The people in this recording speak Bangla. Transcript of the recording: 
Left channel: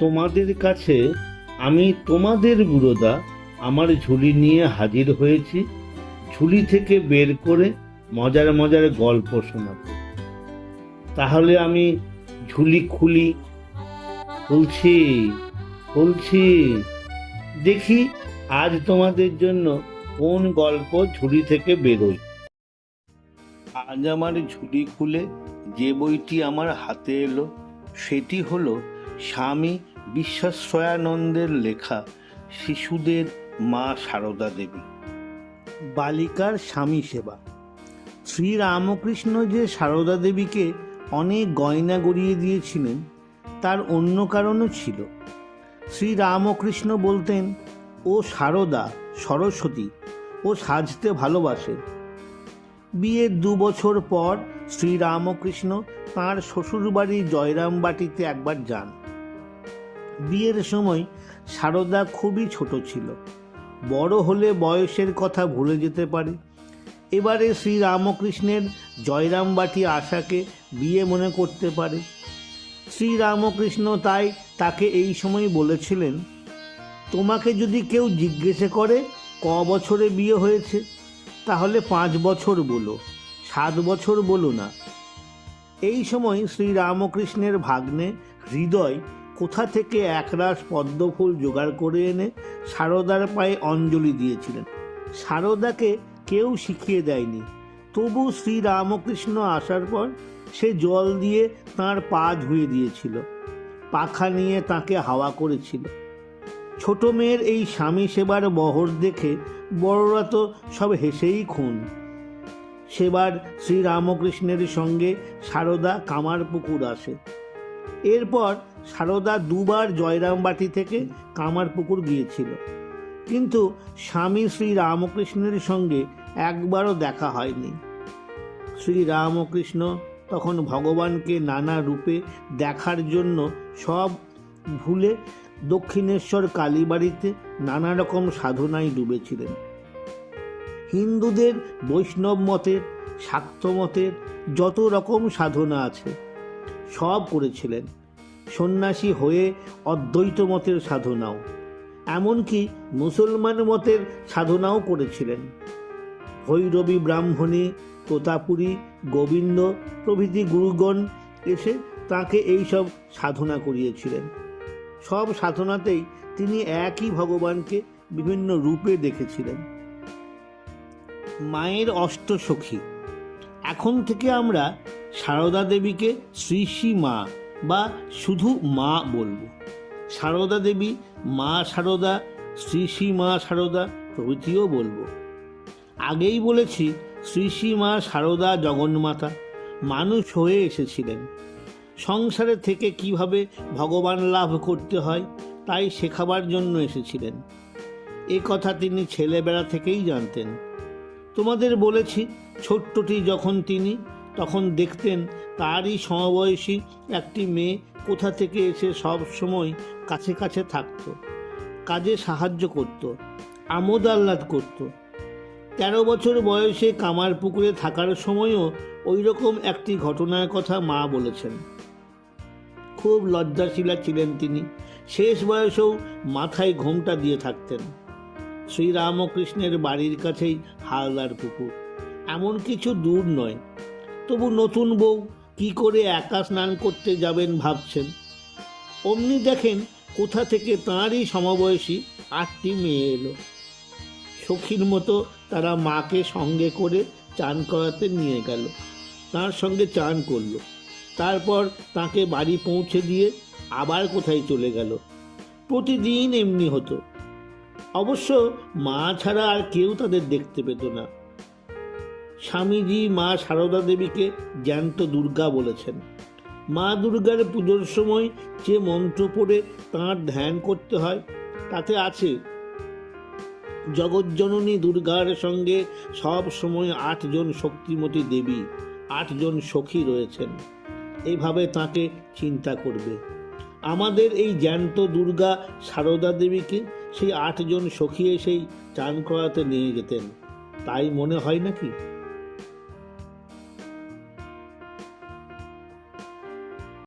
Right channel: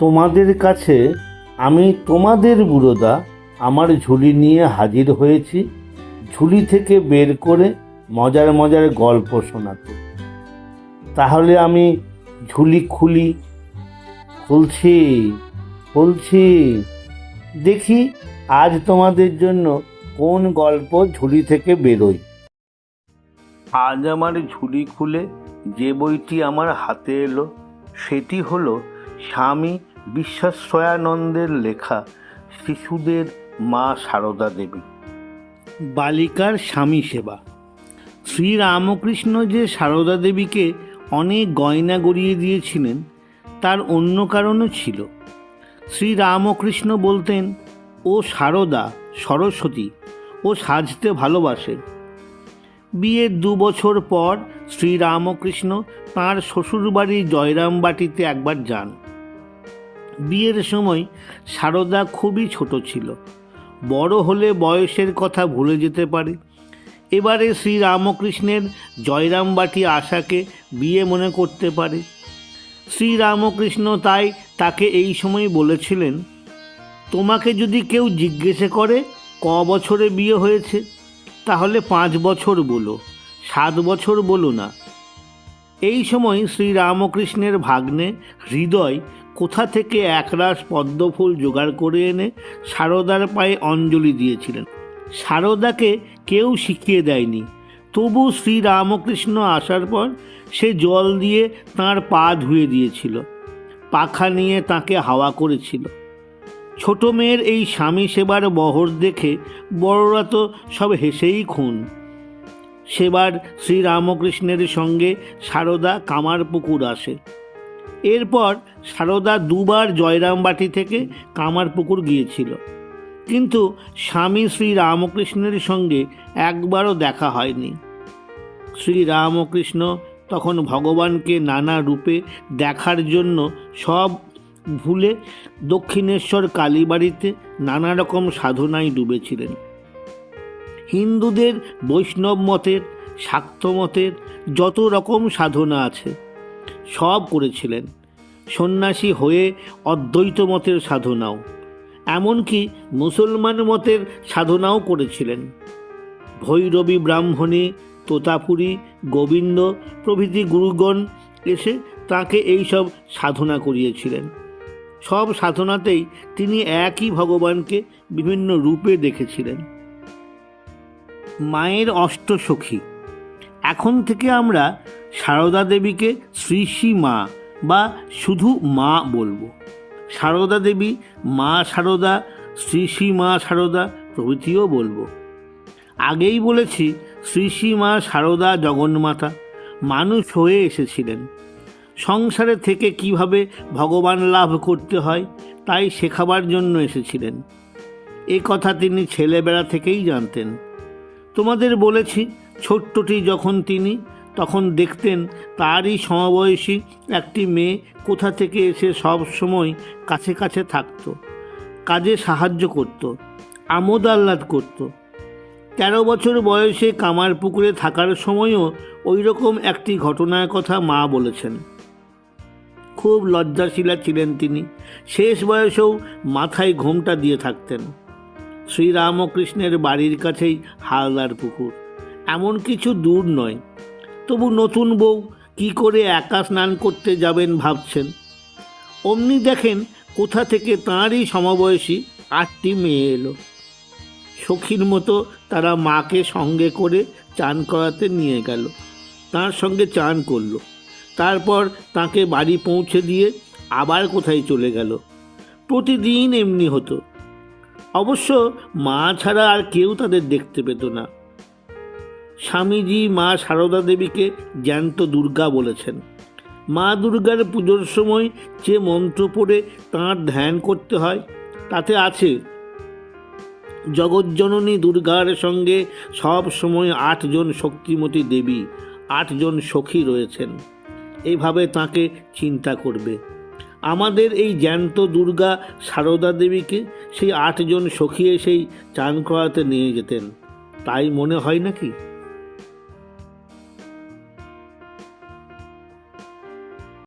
তোমাদের কাছে আমি তোমাদের বুড়োদা আমার ঝুলি নিয়ে হাজির হয়েছি, ঝুলি থেকে বের করে মজার মজার গল্প শোনাতে। তাহলে আমি ঝুলি খুলছি খুলছি, দেখি আজ তোমাদের জন্য কোন গল্প ঝুলি থেকে বেরোয়। আজ আমার ঝুলি খুলে যে বইটি আমার হাতে এলো সেটি হলো স্বামী বিশ্বাশ্রয়ানন্দের লেখা শিশুদের মা সারদা দেবী। বালিকার স্বামী সেবা। শ্রীরামকৃষ্ণ যে সারদা দেবীকে অনেক গয়না গড়িয়ে দিয়েছিলেন তার অন্য কারণও ছিল। শ্রীরামকৃষ্ণ বলতেন, ও সারদা সরস্বতী, ও সাজতে ভালোবাসে। বিয়ের 2 বছর পর শ্রীরামকৃষ্ণ তাঁর শ্বশুরবাড়ি জয়রামবাটিতে একবার যান। বিয়ের সময় সারদা খুবই ছোট ছিল, বড় হলে বয়সের কথা ভুলে যেতে পারে। এবারে শ্রীরামকৃষ্ণের জয়রামবাটি আশাকে বিয়ে মনে করতে পারে। শ্রীরামকৃষ্ণ তাই তাকে এই সময় বলেছিলেন, তোমাকে যদি কেউ জিজ্ঞেস করে ক বছরে বিয়ে হয়েছে, তাহলে 5 বছর বলো, 7 বছর বলো না। এই সময় শ্রীরামকৃষ্ণের ভাগ্নে হৃদয় কোথা থেকে একরাশ পদ্মফুল জোগাড় করে এনে সারদার পায়ে অঞ্জলি দিয়েছিলেন। সারদাকে কেউ শিখিয়ে দেয়নি, তবু শ্রীরামকৃষ্ণ আসার পর সে জল দিয়ে তাঁর পা ধুয়ে দিয়েছিল, পাখা নিয়ে তাকে হাওয়া করেছিল। ছোট মেয়ের এই স্বামী সেবার বহর দেখে বড়রা তো সব হেসেই খুন। সেবার শ্রীরামকৃষ্ণের সঙ্গে সারদা কামারপুকুর আসে। এরপর সারদা 2 বার জয়রামবাটি থেকে কামারপুকুর গিয়েছিল, কিন্তু স্বামী শ্রীরামকৃষ্ণের সঙ্গে একবারও দেখা হয়নি। শ্রীরামকৃষ্ণ তখন ভগবানকে নানা রূপে দেখার জন্য সব ভুলে দক্ষিণেশ্বর কালীবাড়িতে নানা রকম সাধনায় ডুবেছিলেন। হিন্দুদের বৈষ্ণব মতের, শাক্ত মতের যত রকম সাধনা আছে সব করেছিলেন। সন্ন্যাসী হয়ে অদ্বৈত মতের সাধনাও, এমনকি মুসলমান মতের সাধনাও করেছিলেন। ভৈরবী ব্রাহ্মণী, তোতাপুরী, গোবিন্দ প্রভৃতি গুরুগণ এসে তাকে এইসব সাধনা করিয়েছিলেন। সব সাধনাতেই তিনি একই ভগবানকে বিভিন্ন রূপে দেখেছিলেন। মায়ের অষ্টসখী। এখন থেকে আমরা সারদা দেবীকে শ্রী শ্রী মা বা শুধু মা বলবো। সারদা দেবী, মা সারদা, শ্রী শ্রী মা সারদা প্রভৃতিও বলবো। আগেই বলেছি, শ্রী শ্রী মা সারদা জগন্মাতা মানুষ হয়ে এসেছিলেন। সংসারে থেকে কিভাবে ভগবান লাভ করতে হয় তাই শেখাবার জন্য এসেছিলেন। এ কথা তিনি ছেলেবেলা থেকেই জানতেন। তোমাদের বলেছি, ছোট্টটি যখন তিনি, তখন দেখতেন তারই সমবয়সী একটি মেয়ে কোথা থেকে এসে সব সময় কাছে কাছে থাকত, কাজে সাহায্য করত, আমোদ আহ্লাদ করত। 13 বছর বয়সে কামারপুকুরে থাকার সময়ও ওই রকম একটি ঘটনার কথা মা বলেছেন। খুব লজ্জাশীলা ছিলেন তিনি, শেষ বয়সেও মাথায় ঘোমটা দিয়ে থাকতেন। শ্রীরামকৃষ্ণের বাড়ির কাছেই হালদার পুকুর, এমন কিছু দূর নয়। তবু নতুন বউ কি করে একা স্নান করতে যাবেন ভাবছেন। অমনি দেখেন কোথা থেকে তাঁরই সমবয়সী 8টি মেয়ে এলো। সখীর মতো তারা মাকে সঙ্গে করে চান করাতে নিয়ে গেল, তার সঙ্গে চান করলো, তারপর তাকে বাড়ি পৌঁছে দিয়ে আবার কোথায় চলে গেল। প্রতিদিন এমনি হতো। অবশ্য মা ছাড়া আর কেউ তাদের দেখতে পেত না। স্বামীজি মা সারদা দেবীকে জ্যান্ত দুর্গা বলেছেন। মা দুর্গার পুজোর সময় যে মন্ত্র পড়ে তাঁর ধ্যান করতে হয় তাতে আছে, জগজ্জননী দুর্গার সঙ্গে সব সময় 8 জন শক্তিমতী দেবী, 8 জন সখী রয়েছেন। এইভাবে তাকে চিন্তা করবে। আমাদের এই জ্যান্ত দুর্গা সারদা দেবীকে সেই 8 জন সখী এসেই চান করাতে নিয়ে যেতেন, তাই মনে হয় নাকি?